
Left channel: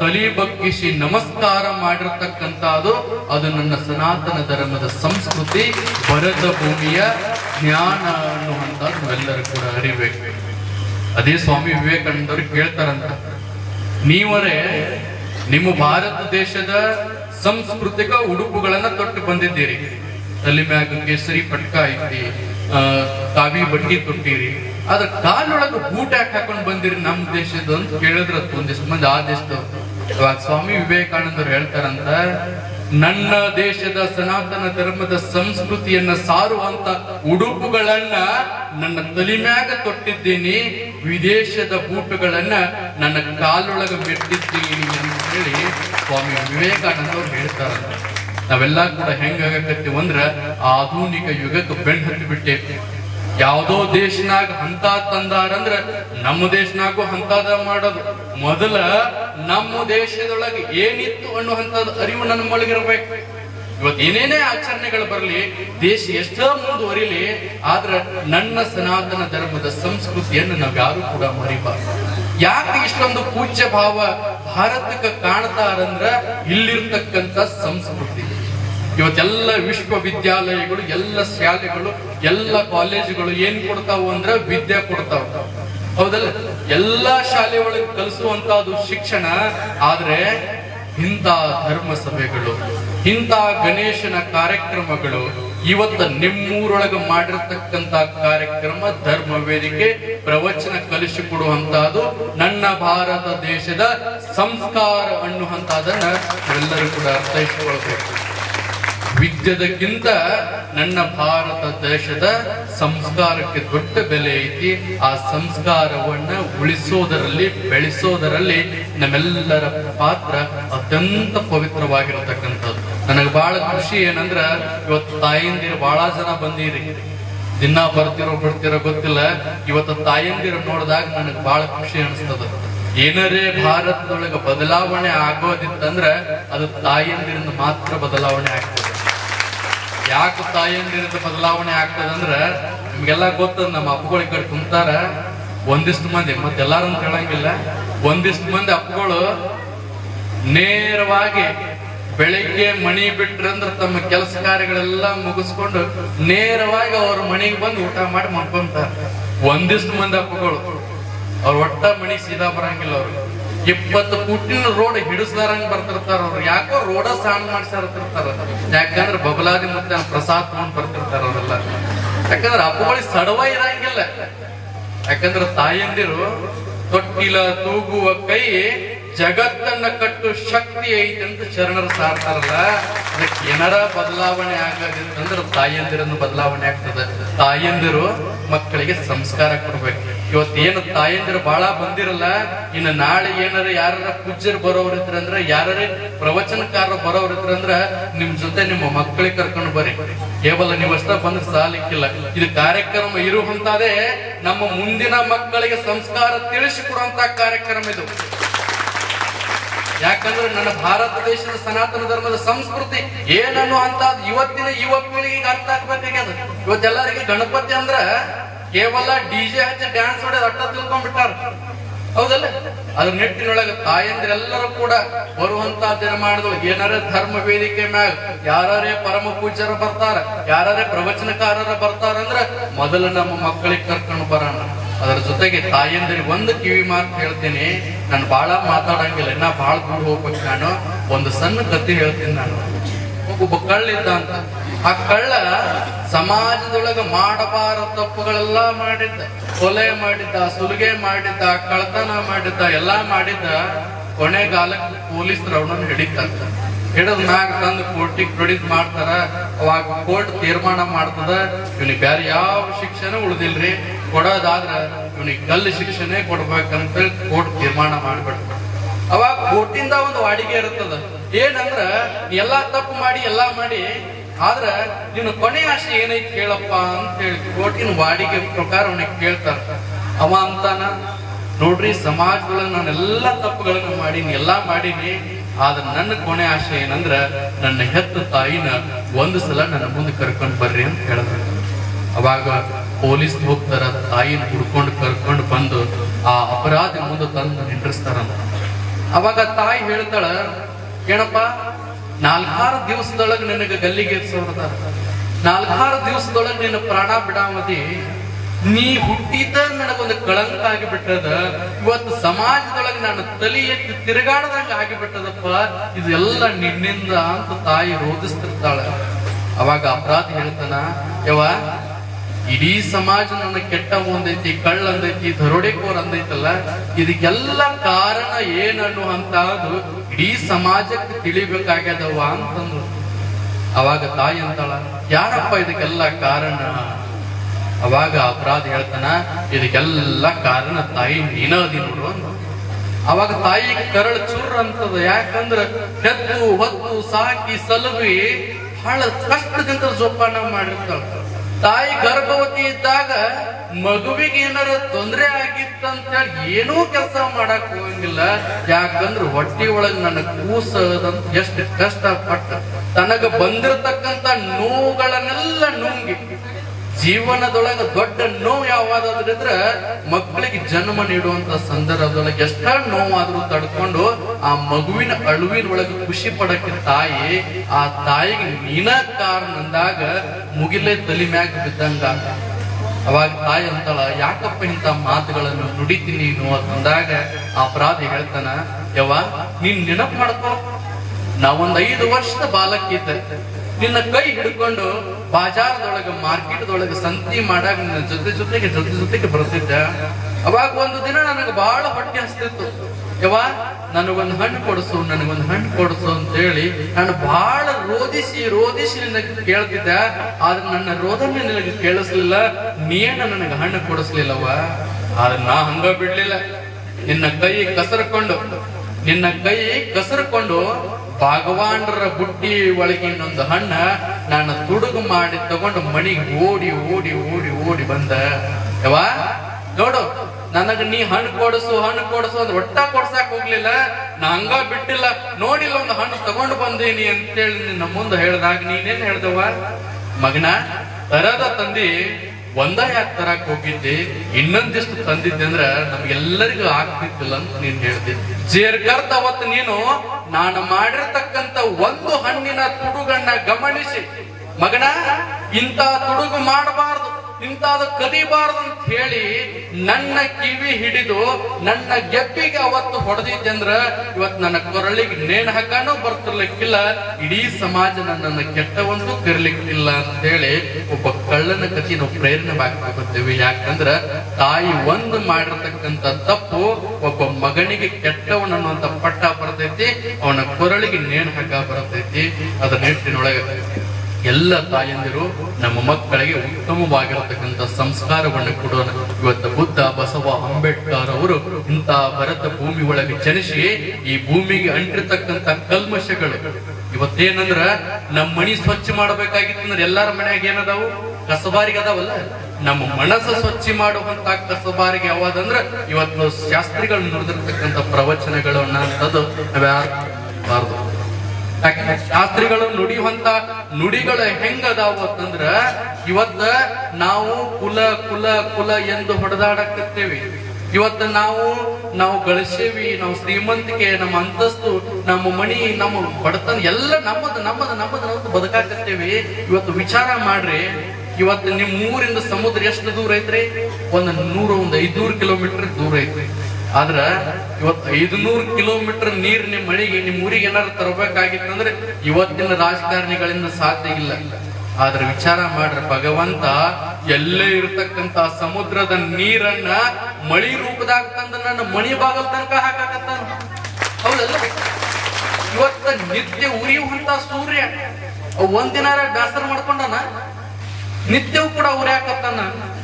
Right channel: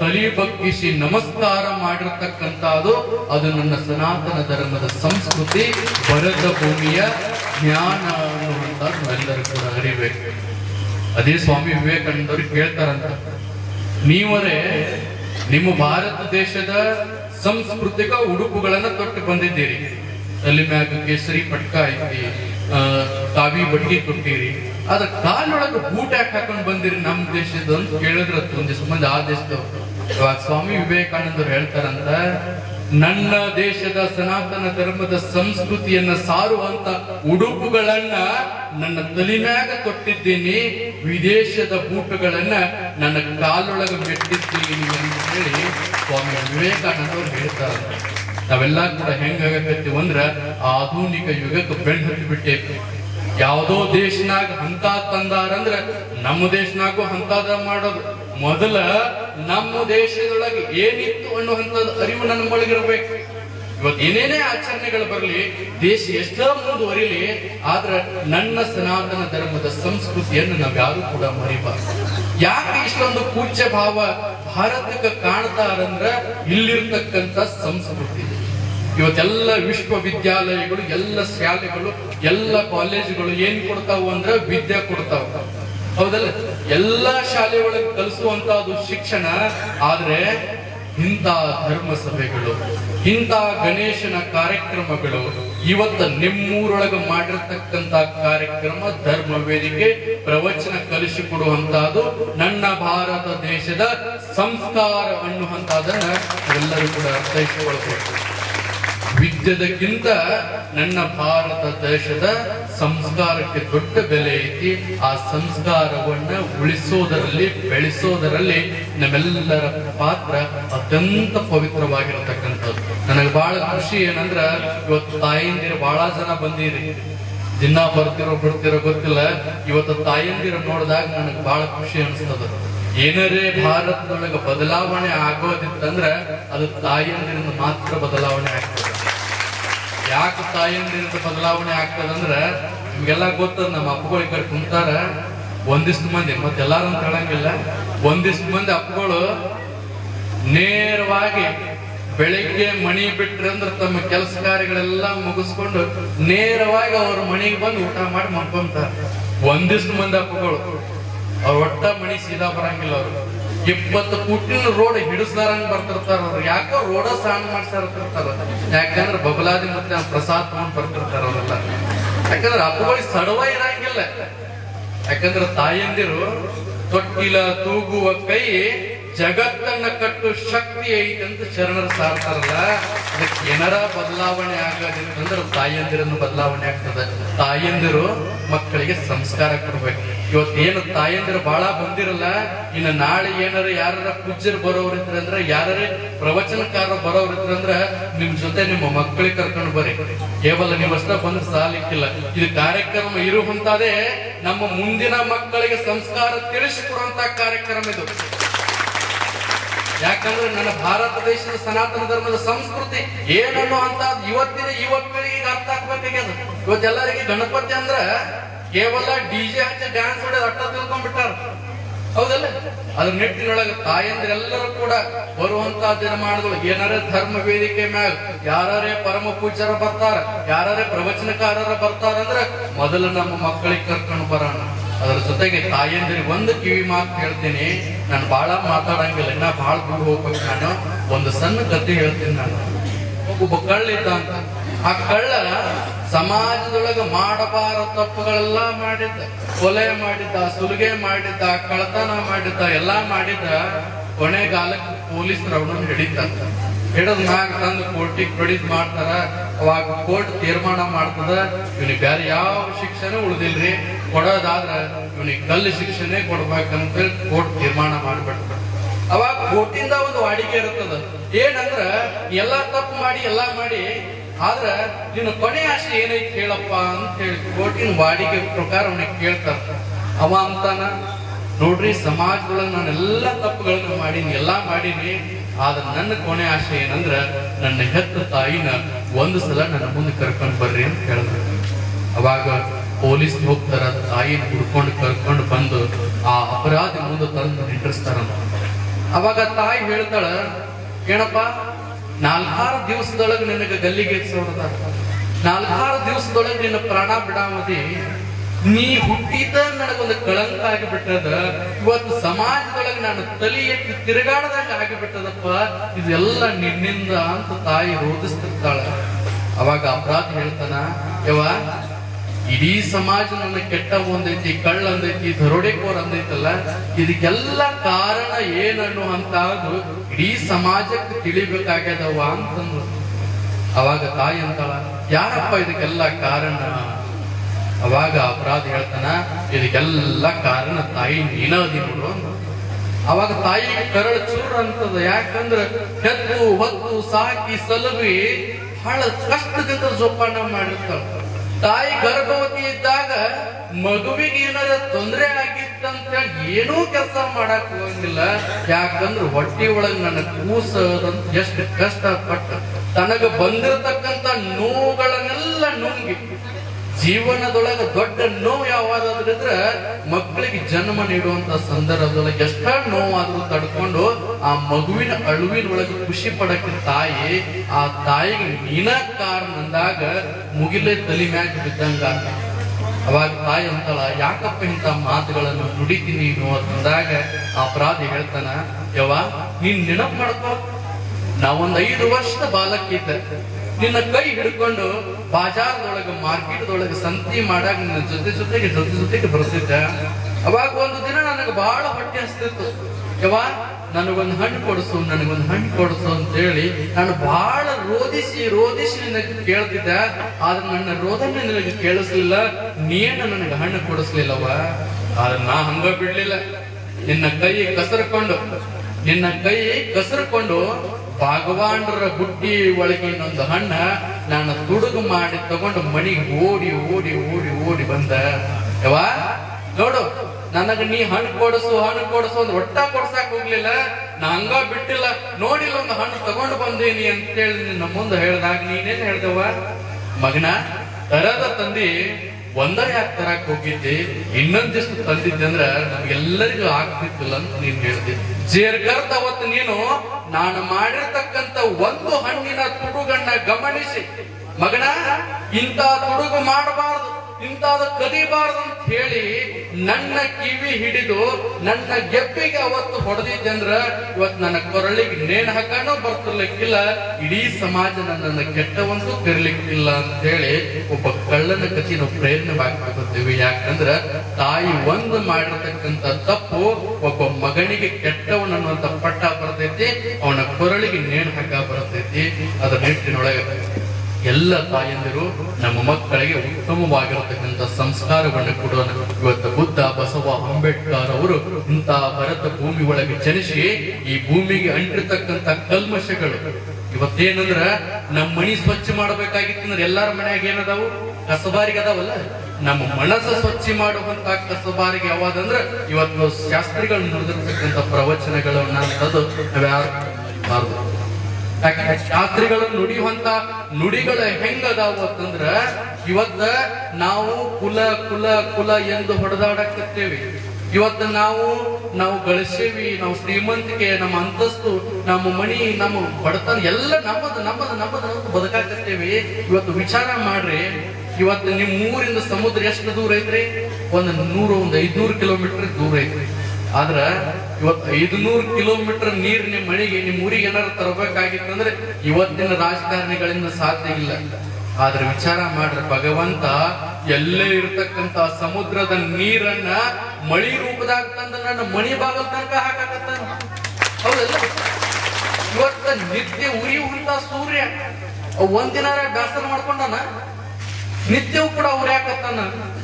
ತಲೆ ಬಗ್ಗಿಸಿ ನಮಸ್ಕಾರ ಮಾಡಿರ್ತಕ್ಕಂಥದ್ದು ಅದು ನನ್ನ ಸನಾತನ ಧರ್ಮದ ಸಂಸ್ಕೃತಿ, ಭರತ ಭೂಮಿಯ ಜ್ಞಾನ ಅನ್ನುವಂತ ನಾವೆಲ್ಲರೂ ಕೂಡ ಅರಿಬೇಕು. ಅದೇ ಸ್ವಾಮಿ ವಿವೇಕಾನಂದವ್ರು ಕೇಳ್ತಾರಂತ, ನೀವರೇ ನಿಮ್ಮ ಭಾರತ ದೇಶದ ಸಾಂಸ್ಕೃತಿಕ ಉಡುಪುಗಳನ್ನ ತೊಟ್ಟು ಬಂದಿದ್ದೀರಿ, ತಲೆ ಮ್ಯಾಗ ಕೇಸರಿ ಪಟ್ಕ ಐತಿ, ಕಾವಿ ಬಟ್ಟಿ ತೊಟ್ಟಿರಿ, ಆದ್ರೆ ಕಾಲೊಳಗ ಬೂಟ್ ಯಾಕೆ ಹಾಕೊಂಡ್ ಬಂದಿರಿ ನಮ್ಮ ದೇಶದ ಅಂತ ಕೇಳಿದ್ರ ಒಂದಿಷ್ಟು ಮಂದಿ ಆ ದೇಶದವ್ರು. ಇವಾಗ ಸ್ವಾಮಿ ವಿವೇಕಾನಂದರು ಹೇಳ್ತಾರಂತ, ನನ್ನ ದೇಶದ ಸನಾತನ ಧರ್ಮದ ಸಂಸ್ಕೃತಿಯನ್ನ ಸಾರುವಂತ ಉಡುಪುಗಳನ್ನ ನನ್ನ ತಲೆ ಮ್ಯಾಗ ತೊಟ್ಟಿದ್ದೀನಿ, ವಿದೇಶದ ಬೂಟುಗಳನ್ನ ನನ್ನ ಕಾಲೊಳಗ ಮೆಟ್ಟಿದ್ದೀನಿ ಅಂತ ಹೇಳಿ ಸ್ವಾಮಿ ವಿವೇಕಾನಂದರು ಹೇಳ್ತಾರಂತ. ನಾವೆಲ್ಲ ಕೂಡ ಹೆಂಗಾಗತ್ತೀವಿ ಅಂದ್ರ ಆಧುನಿಕ ಯುಗಕ್ಕೆ ಬೆನ್ನು ಹತ್ತಿ ಬಿಟ್ಟೇವಿ. ಯಾವ್ದೋ ದೇಶನಾಗ ಅಂತ ತಂದಾರಂದ್ರ ನಮ್ಮ ದೇಶನಾಗೂ ಅಂತದ ಮಾಡೋದು. ಮೊದಲ ನಮ್ಮ ದೇಶದೊಳಗೆ ಏನಿತ್ತು ಅನ್ನುವಂಥದ್ದು ಅರಿವು ನನ್ನ ಒಳಗಿರ್ಬೇಕು. ಇವತ್ತು ಏನೇನೇ ಆಚರಣೆಗಳು ಬರಲಿ, ದೇಶ ಎಷ್ಟೋ ಮುಂದುವರಿಲಿ, ಆದ್ರೆ ನನ್ನ ಸನಾತನ ಧರ್ಮದ ಸಂಸ್ಕೃತಿಯನ್ನು ನಾವ್ಯಾರು ಕೂಡ ಮರಿಬಾರ್ದು. ಯಾಕೆ ಇಷ್ಟೊಂದು ಪೂಜ್ಯ ಭಾವ ಭಾರತಕ್ಕೆ ಕಾಣ್ತಾರಂದ್ರ ಇಲ್ಲಿರ್ತಕ್ಕಂಥ ಸಂಸ್ಕೃತಿ. ಇವತ್ತೆಲ್ಲ ವಿಶ್ವವಿದ್ಯಾಲಯಗಳು, ಎಲ್ಲ ಶಾಲೆಗಳು, ಎಲ್ಲ ಕಾಲೇಜುಗಳು ಏನ್ ಕೊಡ್ತಾವು ಅಂದ್ರೆ ವಿದ್ಯೆ ಕೊಡ್ತಾವ, ಹೌದಲ್ಲ? ಎಲ್ಲಾ ಶಾಲೆ ಒಳಗೆ ಕಲಿಸುವಂತಹದ್ದು ಶಿಕ್ಷಣ. ಆದ್ರೆ ಇಂಥ ಧರ್ಮ ಸಭೆಗಳು, ಇಂಥ ಗಣೇಶನ ಕಾರ್ಯಕ್ರಮಗಳು, ಇವತ್ತ ನಿಮ್ಮೂರೊಳಗೆ ಮಾಡಿರ್ತಕ್ಕಂತ ಕಾರ್ಯಕ್ರಮ ಧರ್ಮ ವೇದಿಕೆ ಪ್ರವಚನ ಕಲಿಸಿಕೊಡುವಂತಹದ್ದು ನನ್ನ ಭಾರತ ದೇಶದ ಸಂಸ್ಕಾರ ಅನ್ನುವಂತಹದನ್ನ ಎಲ್ಲರೂ ಕೂಡ ಅರ್ಥೈಸಿಕೊಳ್ಬೇಕು. ವಿದ್ಯೆದಕ್ಕಿಂತ ನನ್ನ ಭಾರತ ದೇಶದ ಸಂಸ್ಕಾರಕ್ಕೆ ದೊಡ್ಡ ಬೆಲೆ ಐತಿ. ಆ ಸಂಸ್ಕಾರವನ್ನ ಉಳಿಸೋದರಲ್ಲಿ, ಬೆಳೆಸೋದರಲ್ಲಿ ನಮ್ಮೆಲ್ಲರ ಪಾತ್ರ ಅತ್ಯಂತ ಪವಿತ್ರವಾಗಿರತಕ್ಕಂಥದ್ದು. ನನಗೆ ಬಹಳ ಖುಷಿ ಏನಂದ್ರ, ಇವತ್ತು ತಾಯಂದಿರು ಬಹಳ ಜನ ಬಂದಿರಿ, ದಿನ ಬರ್ತಿರೋ ಗೊತ್ತಿಲ್ಲ. ಇವತ್ತು ತಾಯಂದಿರು ನೋಡಿದಾಗ ನನಗೆ ಬಹಳ ಖುಷಿ ಅನಿಸ್ತದ. ಏನರೇ ಭಾರತದೊಳಗೆ ಬದಲಾವಣೆ ಆಗೋದಿತ್ತಂದ್ರ ಅದು ತಾಯಂದಿರಿಂದ ಮಾತ್ರ ಬದಲಾವಣೆ ಆಗ್ತದೆ. ಯಾಕೆ ತಾಯಂದಿರಿಂದ ಬದಲಾವಣೆ ಆಗ್ತದಂದ್ರ, ನಿಮ್ಗೆಲ್ಲ ಗೊತ್ತದ, ನಮ್ಮ ಅಪ್ಪಗಳು ಈ ಕಡೆ ಕುಂತಾರ, ಒಂದಿಷ್ಟು ಮಂದಿ, ಮತ್ತೆಲ್ಲಾರು ಅಂತ ಹೇಳಂಗಿಲ್ಲ, ಒಂದಿಷ್ಟು ಮಂದಿ ಅಪ್ಪಗಳು ನೇರವಾಗಿ ಬೆಳಿಗ್ಗೆ ಮಣಿ ಬಿಟ್ರಂದ್ರ ತಮ್ಮ ಕೆಲಸ ಕಾರ್ಯಗಳೆಲ್ಲ ಮುಗಿಸ್ಕೊಂಡು ನೇರವಾಗಿ ಅವ್ರ ಮನೆಗೆ ಬಂದು ಊಟ ಮಾಡಿ ಮಾಡ್ಕೊಂತಾರ. ಒಂದಿಷ್ಟು ಮಂದಿ ಅಪ್ಪಗಳು ಅವ್ರ ಒಟ್ಟ ಮಣಿ ಸೀದಾ ಬರಂಗಿಲ್ಲ. ಅವ್ರು 20 ಫುಟ್ಟಿನ ರೋಡ್ ಹಿಡಿಸ್ಲಾರಂಗ್ ಬರ್ತಿರ್ತಾರ. ಅವ್ರು ಯಾಕೋ ರೋಡ ಸಾಣ್ ಮಾಡ್ಸಾರ್ತಿರ್ತಾರ. ಯಾಕಂದ್ರೆ ಬಬಲಾದಿ ಮತ್ತೆ ಪ್ರಸಾದ್ ತಗೊಂಡ್ ಬರ್ತಿರ್ತಾರ ಅವರೆಲ್ಲ. ಯಾಕಂದ್ರೆ ಅಪ್ಪಗಳಿಗೆ ಸಡವ ಇರಂಗಿಲ್ಲ. ಯಾಕಂದ್ರೆ ತಾಯಂದಿರು ತೊಟ್ಟಿಲ ತೂಗುವ ಕೈ ಜಗತ್ತನ್ನ ಕಟ್ಟು ಶಕ್ತಿ ಐತಿ ಅಂತ ಶರಣರು ಸಾರ್ತಾರಲ್ಲ. ಅದಕ್ಕೆ ಏನಾರ ಬದಲಾವಣೆ ಆಗೋದಿತ್ತಂದ್ರೆ ತಾಯಂದಿರನ್ನು ಬದಲಾವಣೆ ಆಗ್ತದೆ. ತಾಯಂದಿರು ಮಕ್ಕಳಿಗೆ ಸಂಸ್ಕಾರ ಕೊಡ್ಬೇಕು. ಇವತ್ತೇನು ತಾಯಂದಿರು ಬಹಳ ಬಂದಿರಲ್ಲ, ಇನ್ನು ನಾಳೆ ಏನಾರ ಯಾರ ಪೂಜ್ಯರು ಬರೋರಿದ್ರಂದ್ರ, ಯಾರೇ ಪ್ರವಚನಕಾರರು ಬರೋರಿದ್ರಂದ್ರ ನಿಮ್ ಜೊತೆ ನಿಮ್ಮ ಮಕ್ಕಳಿಗೆ ಕರ್ಕೊಂಡು ಬರ್ರಿ. ಕೇವಲ ನೀವಷ್ಟ ಬಂದು ಸಾಲಿಕ್ಕಿಲ್ಲ. ಇದು ಕಾರ್ಯಕ್ರಮ ಇರುವಂತದೇ ನಮ್ಮ ಮುಂದಿನ ಮಕ್ಕಳಿಗೆ ಸಂಸ್ಕಾರ ತಿಳಿಸಿಕೊಡುವಂತ ಕಾರ್ಯಕ್ರಮ ಇದು. ಯಾಕಂದ್ರೆ ನನ್ನ ಭಾರತ ದೇಶದ ಸನಾತನ ಧರ್ಮದ ಸಂಸ್ಕೃತಿ ಏನನ್ನು ಅಂತ ಯುವ ಪೀಳಿಗೆಗೆ ಅರ್ಥ ಆಗ್ಬೇಕಾಗ್ಯದ. ಇವತ್ತೆಲ್ಲರಿಗೆ ಗಣಪತಿ ಅಂದ್ರ ಕೇವಲ ಡಿಜೆ ಹಚ್ಚಿ ಡ್ಯಾನ್ಸ್ ಹೊಡೆದು ಅಟ್ಟ ತಿಳ್ಕೊಂಡ್ಬಿಟ್ಟಾರ. ಹೌದಲ್ಲ? ಅದ್ರ ನಿಟ್ಟಿನೊಳಗೆ ತಾಯಂದಿರೆಲ್ಲರೂ ಕೂಡ ಬರುವಂತ ದಿನ ಮಾಡಿದ್ರು. ಏನಾರ ಧರ್ಮ ವೇದಿಕೆ ಮ್ಯಾಗ ಯಾರೇ ಪರಮ ಪೂಜ್ಯರ ಬರ್ತಾರ, ಯಾರೇ ಪ್ರವಚನಕಾರರ ಬರ್ತಾರಂದ್ರ ಮೊದಲು ನಮ್ಮ ಮಕ್ಕಳಿಗೆ ಕರ್ಕೊಂಡು ಬರೋಣ. ಅದ್ರ ಜೊತೆಗೆ ತಾಯಂದಿರಿಗೆ ಒಂದು ಕಿವಿ ಮಾತು ಹೇಳ್ತೀನಿ. ನಾನು ಬಹಳ ಮಾತಾಡಂಗಿಲ್ಲ, ಇನ್ನ ಬಹಳ ದೂರ ಹೋಗ್ಬೇಕು. ನಾನು ಒಂದು ಸಣ್ಣ ಕಥೆ ಹೇಳ್ತೀನಿ. ನಾನು ಒಬ್ಬ ಕಳ್ಳ ಇದ್ದ ಅಂತ. ಆ ಕಳ್ಳ ಸಮಾಜದೊಳಗ ಮಾಡಬಾರ ತಪ್ಪುಗಳೆಲ್ಲ ಮಾಡಿದ್ದ. ಕೊಲೆ ಮಾಡಿದ್ದ, ಸುಲಿಗೆ ಮಾಡಿದ್ದ, ಕಳ್ಳತನ ಮಾಡಿದ್ದ, ಎಲ್ಲಾ ಮಾಡಿದ್ದ. ಕೊನೆಗಾಲಕ್ಕೆ ಪೊಲೀಸರು ಅವನನ್ನು ಹಿಡಿತಾರ. ಹಿಡಿದ್ ಮ್ಯಾಗ ತಂದು ಕೋರ್ಟಿಗೆ ಪ್ರೊಡ್ಯೂಸ್ ಮಾಡ್ತಾರ. ಅವಾಗ ಕೋರ್ಟ್ ತೀರ್ಮಾನ ಮಾಡ್ತದ, ಇವನಿಗೆ ಬೇರೆ ಯಾವ ಶಿಕ್ಷೆನೂ ಉಳಿದಿಲ್ರಿ, ಕೊಡೋದಾದ್ರ ಇವನಿಗೆ ಕಲ್ಲು ಶಿಕ್ಷೆನೆ ಕೊಡ್ಬೇಕಂತ ಕೋರ್ಟ್ ತೀರ್ಮಾನ ಮಾಡ್ಬಿಡ್ತ. ಅವಾಗ ಕೋರ್ಟಿಂದ ಒಂದು ವಾಡಿಕೆ ಇರ್ತದ. ಏನಂದ್ರ ಎಲ್ಲಾ ತಪ್ಪು ಮಾಡಿ ಎಲ್ಲಾ ಮಾಡಿ ಆದ್ರ ನೀನು ಕೊನೆ ಆಶೆ ಏನೈತಿ ಕೇಳಪ್ಪ ಅಂತ ಹೇಳಿ ಕೋರ್ಟಿನ ವಾಡಿಕೆ ಪ್ರಕಾರ ಅವನಿಗೆ ಕೇಳ್ತಾರ. ಅವ ಅಂತಾನ, ನೋಡ್ರಿ ಸಮಾಜದೊಳಗೆ ನಾನೆಲ್ಲಾ ತಪ್ಪುಗಳನ್ನು ಮಾಡೀನಿ, ಎಲ್ಲಾ ಮಾಡೀನಿ. ಆದ್ರೆ ನನ್ನ ಕೊನೆ ಆಶೆ ಏನಂದ್ರ ನನ್ನ ಹೆತ್ತ ತಾಯಿನ ಒಂದು ಸಲ ನನ್ನ ಮುಂದೆ ಕರ್ಕೊಂಡು ಬರ್ರಿ ಅಂತ ಹೇಳ್ಬೇಕು. ಅವಾಗ ಪೊಲೀಸ್ ಹೋಗ್ತಾರ, ತಾಯಿನ ಹುಡ್ಕೊಂಡು ಕರ್ಕೊಂಡು ಬಂದು ಆ ಅಪರಾಧಿ ಮುಂದೆ ತಂದು ನಿಂದ್ರಿಸ್ತಾರಂತ. ಅವಾಗ ತಾಯಿ ಹೇಳ್ತಾಳ, ಏನಪ್ಪ 4 ದಿವಸದೊಳಗೆ ನಿನಗೆ ಗಲ್ಲಿಗೆ 4 ದಿವಸದೊಳಗೆ ನಿನ್ನ ಪ್ರಾಣ ಬಿಡಾಮದಿ. ನೀ ಹುಟ್ಟಿದ ನನಗೊಂದು ಕಳಂಕ ಆಗಿಬಿಟ್ಟದ. ಇವತ್ತು ಸಮಾಜದೊಳಗೆ ನಾನು ತಲೆ ಎತ್ತಿ ತಿರುಗಾಡದಂಗ ಆಗಿಬಿಟ್ಟದಪ್ಪ. ಇದೆಲ್ಲ ನಿನ್ನಿಂದ ಅಂತ ತಾಯಿ ರೋಧಿಸ್ತಿರ್ತಾಳ. ಅವಾಗ ಅಪರಾಧಿ ಹೇಳ್ತಾನ, ಯವ್ವ ಇಡೀ ಸಮಾಜ ನನ್ನ ಕೆಟ್ಟ ಒಂದೈತಿ, ಕಳ್ಳ ಅಂದೈತಿ, ದರೋಡೆಕೋರ್ ಅಂದೈತಲ್ಲ, ಇದಕ್ಕೆಲ್ಲ ಕಾರಣ ಏನನ್ನು ಅಂತ ಇಡೀ ಸಮಾಜಕ್ಕೆ ತಿಳಿಬೇಕಾಗ್ಯದವ ಅಂತಂದ್ರು. ಅವಾಗ ತಾಯಿ ಅಂತಾಳ, ಯಾರಪ್ಪ ಇದಕ್ಕೆಲ್ಲ ಕಾರಣ? ಅವಾಗ ಅಪರಾಧ ಹೇಳ್ತಾನ, ಇದಕ್ಕೆಲ್ಲ ಕಾರಣ ತಾಯಿ ನೀನದಿ ನೋಡು. ಅವಾಗ ತಾಯಿ ಕರಳು ಚೂರ್ ಅಂತದ. ಯಾಕಂದ್ರ ಹೆತ್ತು ಹೊತ್ತು ಸಾಕಿ ಸಲುವಿ ಬಹಳ ಕಷ್ಟದಿಂದ ಜೋಪಾನ ಮಾಡಿರ್ತಾಳ. ತಾಯಿ ಗರ್ಭವತಿ ಇದ್ದಾಗ ಮಗುವಿಗೆ ಏನಾರ ತೊಂದರೆ ಆಗಿತ್ತಂತ ಏನೂ ಕೆಲಸ ಮಾಡಕ್ ಹೋಗಂಗಿಲ್ಲ. ಯಾಕಂದ್ರ ಹೊಟ್ಟಿ ಒಳಗ್ ನನ್ನ ಕೂಸದಂತ ಎಷ್ಟು ಕಷ್ಟಪಟ್ಟ ತನಗ ಬಂದಿರತಕ್ಕಂತ ನೋವುಗಳನ್ನೆಲ್ಲ ನುಂಗಿ, ಜೀವನದೊಳಗ ದೊಡ್ಡ ನೋವು ಯಾವಾದ್ರಿದ್ರ ಮಕ್ಕಳಿಗೆ ಜನ್ಮ ನೀಡುವಂತ ಸಂದರ್ಭದೊಳಗೆ ಎಷ್ಟ ನೋವಾದ್ರೂ ತಡ್ಕೊಂಡು ಆ ಮಗುವಿನ ಅಳುವಿನೊಳಗೆ ಖುಷಿ ಪಡಕ್ಕೆ ತಾಯಿ, ಆ ತಾಯಿಗೆ ನೀನ ಕಾರಣಂದಾಗ ಮುಗಿಲೇ ತಲೆ ಮ್ಯಾಗ ಬಿದ್ದಂಗ. ಅವಾಗ ತಾಯಿ ಅಂತಾಳ, ಯಾಕಪ್ಪ ಇಂತ ಮಾತುಗಳನ್ನು ನುಡಿತೀನಿ ನೀನು ಅಂತಂದಾಗ ಅಪರಾಧಿ ಹೇಳ್ತಾನ, ಯವ್ವ ನೀನ್ ನೆನಪು ಮಾಡ್ಕೋ, ನಾವೊಂದ್ 5 ವರ್ಷದ ಬಾಲಕಿದ್ದೆ. ನಿನ್ನ ಕೈ ಹಿಡ್ಕೊಂಡು ಬಾಜಾರದೊಳಗ ಮಾರ್ಕೆಟ್ದೊಳಗ ಸಂತಿ ಮಾಡಾಗ ನಿನ್ನ ಜೊತೆಗೆ ಬರ್ತಿದ್ದ. ಅವಾಗ ಒಂದು ದಿನ ನನಗೆ ಬಹಳ ಹೊಟ್ಟೆ ಹಸ್ತಿತ್ತು. ಯವ್ವ ನನಗೊಂದು ಹಣ್ಣು ಕೊಡಿಸು, ನನಗೊಂದು ಹಣ್ಣು ಕೊಡಿಸು ಅಂತ ಹೇಳಿ ನಾನು ಬಹಳ ರೋಧಿಸಿ ನಿನಗೆ ಕೇಳ್ತಿದ್ದೆ. ಆದ್ರೆ ನನ್ನ ರೋದನೆ ನಿನಗೆ ಕೇಳಿಸ್ಲಿಲ್ಲ, ನೀನು ನನಗೆ ಹಣ್ಣು ಕೊಡಿಸ್ಲಿಲ್ಲವ. ಆದ್ರೆ ನಾ ಹಂಗ ಬಿಡ್ಲಿಲ್ಲ. ನಿನ್ನ ಕೈ ಕಸರ್ಕೊಂಡು ಭಗವಾನರ ಬುಟ್ಟಿ ಒಳಗಿನೊಂದು ಹಣ್ಣ ನಾನು ತುಡುಗು ಮಾಡಿ ತಗೊಂಡು ಮಣಿಗೆ ಓಡಿ ಬಂದ. ಯವ್ವ ನೋಡು, ನನಗ ನೀ ಹಣ್ಣು ಕೊಡಿಸು ಅಂದ್ರೆ ಒಟ್ಟ ಕೊಡ್ಸಾಕ್ ಹೋಗ್ಲಿಲ್ಲ, ನಾ ಹಂಗ ಬಿಟ್ಟಿಲ್ಲ, ನೋಡಿಲ್ಲ ಒಂದು ಹಣ್ಣು ತಗೊಂಡು ಬಂದೀನಿ ಅಂತೇಳಿ ನಿನ್ನ ಮುಂದೆ ಹೇಳ್ದಾಗ ನೀನೇನ್ ಹೇಳ್ದವ, ಮಗನ ತರದ ತಂದಿ ಒಂದ ಯಾಕೆ ತರಕ್ ಹೋಗಿದ್ದೆ, ಇನ್ನೊಂದಿಷ್ಟು ತಂದಿದ್ದೆ ಅಂದ್ರ ನಮ್ಗೆಲ್ಲರಿಗೂ ಆಗ್ತಿದ್ದಿಲ್ಲ ಅಂತ ನೀನ್ ಹೇಳ್ದೆ. ಜೇರ್ಗರ್ದ ಅವತ್ತು ನೀನು ನಾನು ಮಾಡಿರ್ತಕ್ಕಂತ ಒಂದು ಹಣ್ಣಿನ ತುಡುಗನ್ನ ಗಮನಿಸಿ, ಮಗನ ಇಂತ ತುಡುಗು ಮಾಡಬಾರ್ದು, ಇಂತಾದ ಕದಿಬಾರ್ದು ಅಂತ ಹೇಳಿ ನನ್ನ ಕಿವಿ ಹಿಡಿದು ನನ್ನ ಗೆಪ್ಪಿಗೆ ಅವತ್ತು ಹೊಡೆದಿದ್ದೆ ಅಂದ್ರ ಇವತ್ತು ನನ್ನ ಕೊರಳಿಗೆ ನೇಣು ಹಾಕಾನು ಬರ್ತಿರ್ಲಿಕ್ಕಿಲ್ಲ, ಇಡೀ ಸಮಾಜ ನನ್ನನ್ನು ಕೆಟ್ಟವಂತೂ ಕರಿಲಿಕ್ಕಿಲ್ಲ ಅಂತ ಹೇಳಿ ಒಬ್ಬ ಕಳ್ಳನ ಕಥೆ ನಾವು ಪ್ರೇರಣೆ ಮಾಡ್ಕೋತೀವಿ. ಯಾಕಂದ್ರ ತಾಯಿ ಒಂದು ಮಾಡಿರ್ತಕ್ಕಂಥ ತಪ್ಪು ಒಬ್ಬ ಮಗನಿಗೆ ಕೆಟ್ಟವನ ಅನ್ನುವಂತ ಪಟ್ಟ ಬರ್ತೈತಿ, ಅವನ ಕೊರಳಿಗೆ ನೇಣು ಹಾಕ ಬರ್ತೈತಿ. ಅದರ ನಿಟ್ಟಿನೊಳಗೆ ಎಲ್ಲ ತಾಯಂದಿರು ನಮ್ಮ ಮಕ್ಕಳಿಗೆ ಉತ್ತಮವಾಗಿರತಕ್ಕಂಥ ಸಂಸ್ಕಾರವನ್ನು ಕೊಡೋಣ. ಇವತ್ತು ಬುದ್ಧ, ಬಸವ, ಅಂಬೇಡ್ಕರ್ ಅವರು ಇಂಥ ಭರತ ಭೂಮಿ ಒಳಗೆ ಜನಿಸಿ ಈ ಭೂಮಿಗೆ ಅಂಟಿರ್ತಕ್ಕಂಥ ಕಲ್ಮಶಗಳು ಇವತ್ತೇನಂದ್ರ ನಮ್ಮ ಮನಿ ಸ್ವಚ್ಛ ಮಾಡಬೇಕಾಗಿತ್ತು ಅಂದ್ರೆ ಎಲ್ಲಾರ ಮನ್ಯಾಗ ಏನದಾವು ಕಸಬಾರಿಗೆ ಅದಾವಲ್ಲ, ನಮ್ಮ ಮನಸ್ಸು ಸ್ವಚ್ಛ ಮಾಡುವಂತ ಕಸಬಾರಿಗೆ ಯಾವಾದಂದ್ರ ಇವತ್ತು ಶಾಸ್ತ್ರಿಗಳು ನುಡಿದಿರ್ತಕ್ಕಂಥ ಪ್ರವಚನಗಳನ್ನ ಅಂತದ್ದು ನಾವ್ಯಾರು. ಯಾಕಂದ್ರೆ ಶಾಸ್ತ್ರಿಗಳು ನುಡಿಯುವಂತ ನುಡಿಗಳು ಹೆಂಗದಾವು ಅಂತಂದ್ರ ಇವತ್ತ ನಾವು ಕುಲ ಕುಲ ಕುಲ ಎಂದು ಹೊಡೆದಾಡಕತ್ತೇವಿ. ಇವತ್ತು ನಾವು ಗಳಿಸೇವಿ, ನಾವು ಶ್ರೀಮಂತಿಕೆ, ನಮ್ಮ ಅಂತಸ್ತು, ನಮ್ಮ ಮಣಿ, ನಮ್ಮ ಬಡತನ ಎಲ್ಲ ನಮ್ಮದು ಬದುಕಾಕತ್ತೇವಿ. ಇವತ್ತು ವಿಚಾರ ಮಾಡ್ರಿ, ಇವತ್ತು ನಿಮ್ ಊರಿಂದ ಸಮುದ್ರ ಎಷ್ಟು ದೂರ ಐತ್ರಿ? ಒಂದು 500 ಕಿಲೋಮೀಟರ್ ದೂರ ಐತ್ರಿ. ಆದ್ರ ಇವತ್ತು 500 ಕಿಲೋಮೀಟರ್ ನೀರ್ ನಿಮ್ ಮಳಿಗೆ, ನಿಮ್ ಊರಿಗೆ ಏನಾದ್ರು ತರಬೇಕಾಗಿತ್ತಂದ್ರೆ ಇವತ್ತಿನ ರಾಜಕಾರಣಿಗಳಿಂದ ಸಾಧ್ಯ ಇಲ್ಲ. ಆದ್ರೆ ವಿಚಾರ ಮಾಡ್ರಿ, ಭಗವಂತ ಎಲ್ಲೇ ಇರ್ತಕ್ಕಂತ ಸಮುದ್ರದ ನೀರನ್ನ ಮಳಿ ರೂಪದಾಗ ತಂದು ನನ್ನ ಮಣಿ ಬಾಗಲ್ ತನಕ ಹಾಕಾಕತ್ತಾನ. ಹೌದಲ್ಲ? ಇವತ್ತ ನಿತ್ಯ ಉರಿಯುವಂತ ಸೂರ್ಯ ಒಂದಿನ ಬೇಸರ ಮಾಡ್ಕೊಂಡಾನ, ನಿತ್ಯವೂ ಕೂಡ ಉರಿಯಾಕತ್ತಾನ.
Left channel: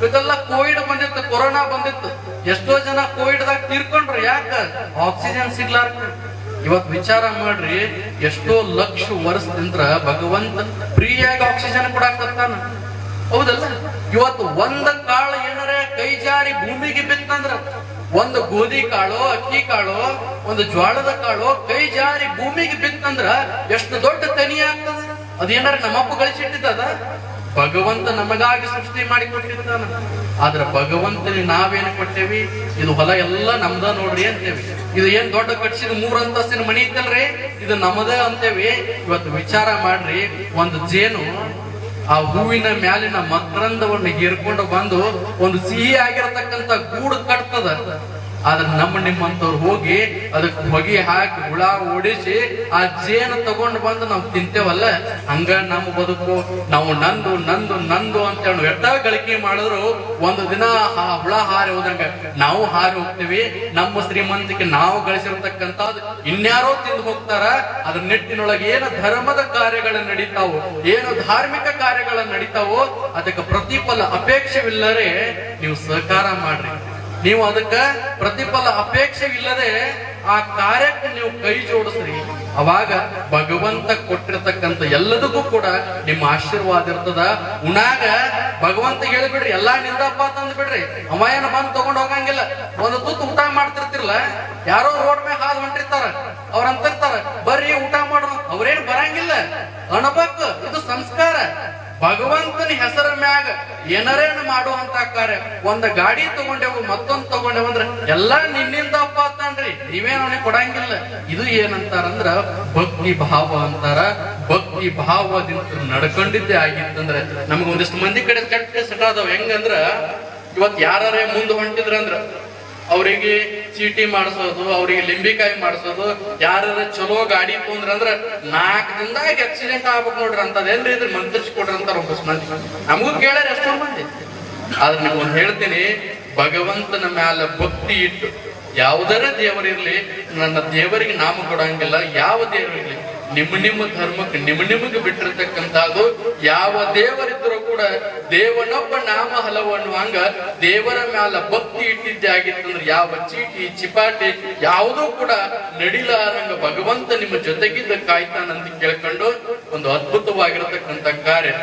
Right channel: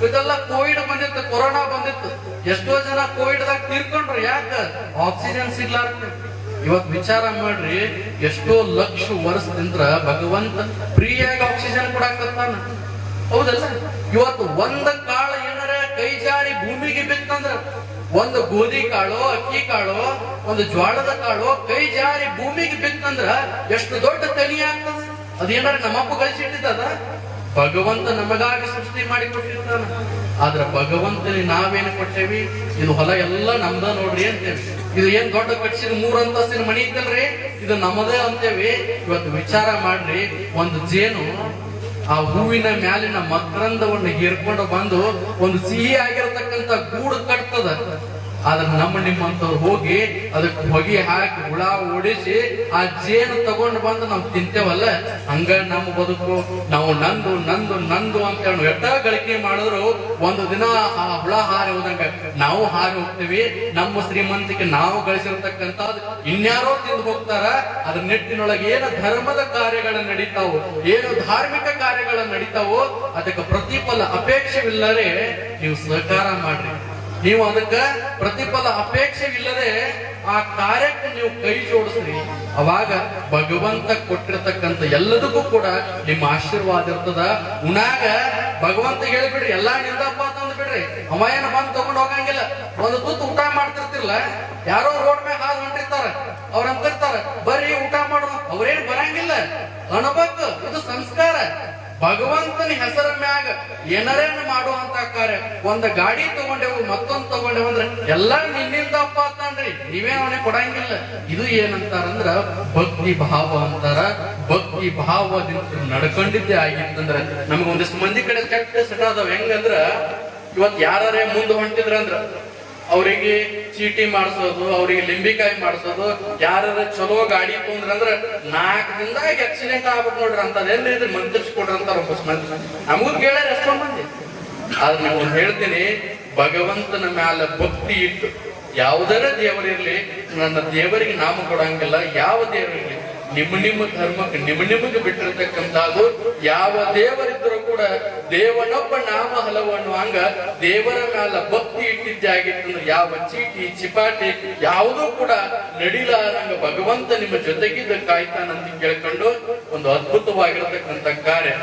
ಇದೆಲ್ಲ ಕೋವಿಡ್ ಬಂದಿತ್ತು, ಕೊರೋನಾ ಬಂದಿತ್ತು, ಎಷ್ಟೋ ಜನ ಕೋವಿಡ್ ದಾಗ ತೀರ್ಕೊಂಡ್ರು. ಯಾಕ? ಆಕ್ಸಿಜನ್ ಸಿಗ್ಲಾರ್ಕ. ಇವತ್ ವಿಚಾರ ಮಾಡ್ರಿ, ಎಷ್ಟೋ ಲಕ್ಷ ವರ್ಷದಿಂದ ಭಗವಂತ ಫ್ರೀಯಾಗಿ ಆಕ್ಸಿಜನ್ ಕೊಡಾಕತ್ತಾನ. ಹೌದಲ್ಲ? ಇವತ್ತು ಒಂದ ಕಾಳು ಏನಾರ ಕೈ ಜಾರಿ ಭೂಮಿಗೆ ಬಿತ್ತಂದ್ರ, ಒಂದು ಗೋಧಿ ಕಾಳು, ಅಕ್ಕಿ ಕಾಳು, ಒಂದು ಜ್ವಾಳದ ಕಾಳು ಕೈ ಜಾರಿ ಭೂಮಿಗೆ ಬಿತ್ತಂದ್ರ ಎಷ್ಟು ದೊಡ್ಡ ಕನಿ ಆಗ್ತದ. ಅದೇನಾರ ನಮ್ಮಪ್ಪ ಗಳಿಸಿಟ್ಟಿದ್ದದ? ಭಗವಂತ ನಮಗಾಗಿ ಸೃಷ್ಟಿ ಮಾಡಿ ಕೊಟ್ಟಿರ್ತಾನ. ಆದ್ರ ಭಗವಂತನಿಗೆ ನಾವೇನು ಕೊಟ್ಟೇವಿ? ಇದು ಹೊಲ ಎಲ್ಲ ನಮ್ದ ನೋಡ್ರಿ ಅಂತೇವಿ. ಇದು ಏನ್ ದೊಡ್ಡ ಕಟ್ಸಿದ 3 ಅಂತಸ್ತಿನ ಮನಿ ಇದ್ದಲ್ರಿ, ಇದು ನಮ್ಮದ ಅಂತೇವಿ. ಇವತ್ತು ವಿಚಾರ ಮಾಡ್ರಿ, ಒಂದು ಜೇನು ಆ ಹೂವಿನ ಮ್ಯಾಲಿನ ಮಕರಂದವನ್ನು ಹೀರ್ಕೊಂಡು ಬಂದು ಒಂದು ಸಿಹಿ ಆಗಿರತಕ್ಕಂತ ಗೂಡು ಕಟ್ತದ. ಆದ್ರೆ ನಿಮ್ಮಂತವ್ರು ಹೋಗಿ ಅದಕ್ಕೆ ಹೊಗೆ ಹಾಕಿ ಹುಳ ಓಡಿಸಿ ಆ ಜೇನು ತಗೊಂಡು ಬಂದು ನಾವು ತಿಂತೇವಲ್ಲ, ಹಂಗ ನಮ್ಮ ಬದುಕು. ನಾವು ನಂದು ನಂದು ನಂದು ಅಂತ ಎಟ್ಟ ಗಳಿಕೆ ಮಾಡಿದ್ರು ಒಂದು ದಿನ ಹುಳ ಹಾರಿ ಹೋದಂಗ ನಾವು ಹಾರಿ ಹೋಗ್ತೀವಿ. ನಮ್ಮ ಶ್ರೀಮಂತಿಕೆ ನಾವು ಗಳಿಸಿರ್ತಕ್ಕಂತ ಇನ್ಯಾರೋ ತಿಂದು ಹೋಗ್ತಾರ. ಅದ್ರ ನಿಟ್ಟಿನೊಳಗೆ ಏನು ಧರ್ಮದ ಕಾರ್ಯಗಳು ನಡೀತಾವೋ, ಏನು ಧಾರ್ಮಿಕ ಕಾರ್ಯಗಳು ನಡೀತಾವೋ ಅದಕ್ಕೆ ಪ್ರತಿಫಲ ಅಪೇಕ್ಷವಿಲ್ಲದೆ ನೀವು ಸಹಕಾರ ಮಾಡ್ರಿ. ನೀವು ಅದಕ್ಕ ಪ್ರತಿಫಲ ಅಪೇಕ್ಷೆ ಇಲ್ಲದೆ ಆ ಕಾರ್ಯಕ್ಕೆ ನೀವು ಕೈ ಜೋಡಿಸ್ರಿ. ಅವಾಗ ಭಗವಂತ ಕೊಟ್ಟಿರತಕ್ಕಂತ ಎಲ್ಲದಕ್ಕೂ ಕೂಡ ನಿಮ್ಮ ಆಶೀರ್ವಾದ ಇರ್ತದ. ಉಣಾಗ ಭಗವಂತ ಹೇಳಿಬಿಡ್ರಿ, ಎಲ್ಲಾ ನಿಂದಪ್ಪ ತಂದು ಬಿಡ್ರಿ. ಅಮಾಯನ ಬಂದು ತಗೊಂಡ್ ಹೋಗಂಗಿಲ್ಲ. ಒಂದು ತುತ್ತು ಊಟ ಮಾಡ್ತಿರ್ತಿರ್ಲ, ಯಾರೋ ರೋಡ್ ಮೇಲೆ ಹಾದು ಹೊಂಟಿರ್ತಾರ, ಅವ್ರಂತಿರ್ತಾರ ಬರ್ರಿ ಊಟ ಮಾಡೋಣ. ಅವ್ರೇನ್ ಬರಂಗಿಲ್ಲ, ಅಣಬಕ್. ಇದು ಸಂಸ್ಕಾರ. ಭಗವಂತನ ಹೆಸರ ಮ್ಯಾಗ ಏನಾರೇನು ಮಾಡುವಂತ ಕಾರ್ಯ. ಒಂದ್ ಗಾಡಿ ತಗೊಂಡೆವು, ಮತ್ತೊಂದ್ ತಗೊಂಡೆವು ಅಂದ್ರೆ ಎಲ್ಲಾ ನಿನ್ನಿಂದಪ್ಪ ಅಂತನ್ರಿ, ನೀವೇನ್ ಅವನಿಗೆ ಕೊಡಂಗಿಲ್ಲ. ಇದು ಏನಂತಾರಂದ್ರ ಭಕ್ತಿ ಭಾವ ಅಂತಾರ. ಭಕ್ತಿ ಭಾವದಿಂದ ನಡ್ಕೊಂಡಿದ್ದೇ ಆಗಿತ್ತಂದ್ರ ನಮ್ಗ ಒಂದಿಷ್ಟು ಮಂದಿ ಕಡೆ ಕೆಟ್ಟ ಸಟಾದವ್. ಹೆಂಗಂದ್ರ ಇವತ್ ಯಾರೇ ಮುಂದೆ ಹೊಂಟಿದ್ರಂದ್ರ ಅವರಿಗೆ ಚೀಟಿ ಮಾಡಿಸೋದು, ಅವ್ರಿಗೆ ಲಿಂಬಿಕಾಯಿ ಮಾಡಿಸೋದು. ಯಾರ ಚಲೋ ಗಾಡಿ ತೊಂದ್ರಂದ್ರ 4 ದಿನದಾಗ ಆಕ್ಸಿಡೆಂಟ್ ಆಗ್ಬೇಕು ನೋಡ್ರಿ ಅಂತದೇನ್ರಿ, ಇದ್ರ ಮಂತ್ರಿಸ್ಕೊಡ್ರಿ ಅಂತಾರ ಒಬ್ಬಸ್ ಮಂದಿ. ನಮಗೂ ಕೇಳ್ಯಾರ ಎಷ್ಟೋ ಮಂದಿ. ಆದ್ರೆ ನೀವು ಹೇಳ್ತೀನಿ, ಭಗವಂತನ ಮ್ಯಾಲ ಭಕ್ತಿ ಇಟ್ಟು ಯಾವುದರ ದೇವರಿರ್ಲಿ, ನನ್ನ ದೇವರಿಗೆ ನಾಮ ಕೊಡಂಗಿಲ್ಲ. ಯಾವ ದೇವರಿರ್ಲಿ, ನಿಮ್ಮ ಧರ್ಮಕ್ಕೆ ನಿಮಗೆ ಬಿಟ್ಟಿರ್ತಕ್ಕಂಥದ್ದು. ಯಾವ ದೇವರಿದ್ರೂ ಕೂಡ ದೇವನೊಬ್ಬ ನಾಮ ಹಲವು ಅನ್ನುವಂಗ ದೇವರ ಮ್ಯಾಲ ಭಕ್ತಿ ಇಟ್ಟಿದ್ದೇ ಆಗಿತ್ತಂದ್ರೆ ಯಾವ ಚೀಟಿ ಚಿಪಾಟಿ ಯಾವುದೂ ಕೂಡ ನಡಿಲಾರಂಗ ಭಗವಂತ ನಿಮ್ಮ ಜೊತೆಗಿದ್ದ ಕಾಯ್ತಾನಂತ ಕೇಳ್ಕೊಂಡು ಒಂದು ಅದ್ಭುತವಾಗಿರತಕ್ಕಂತ ಕಾರ್ಯ.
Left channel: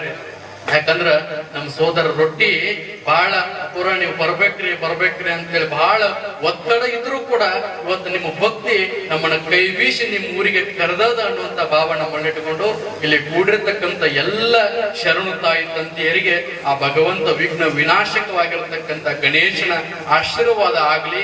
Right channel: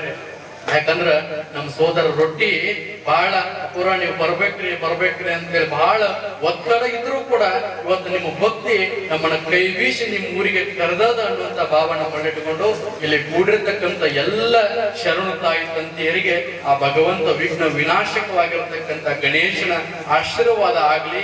ಯಾಕಂದ್ರ ನಮ್ ಸೋದರ ರೊಟ್ಟಿ ಬಹಳ ಪುರ ನೀವು ಬರ್ಬೇಕ್ರಿ ಅಂತೇಳಿ ಬಹಳ ಒತ್ತಡ ಇದ್ರೂ ಕೂಡ ಇವತ್ತು ನಿಮ್ಮ ಭಕ್ತಿ ನಮ್ಮನ್ನ ಕೈ ಬೀಸಿ ನಿಮ್ ಊರಿಗೆ ಕರೆದದ ಅನ್ನುವಂತ ಭಾವ ನಮ್ಮನ್ನ ಇಟ್ಟುಕೊಂಡು ಇಲ್ಲಿ ಕೂಡಿರ್ತಕ್ಕಂಥ ಎಲ್ಲ ಶರಣು ತಾಯಿ ತಂದೆಯರಿಗೆ ಆ ಭಗವಂತ ವಿಘ್ನ ವಿನಾಶಕವಾಗಿರತಕ್ಕಂತ ಗಣೇಶನ ಆಶೀರ್ವಾದ ಆಗ್ಲಿ.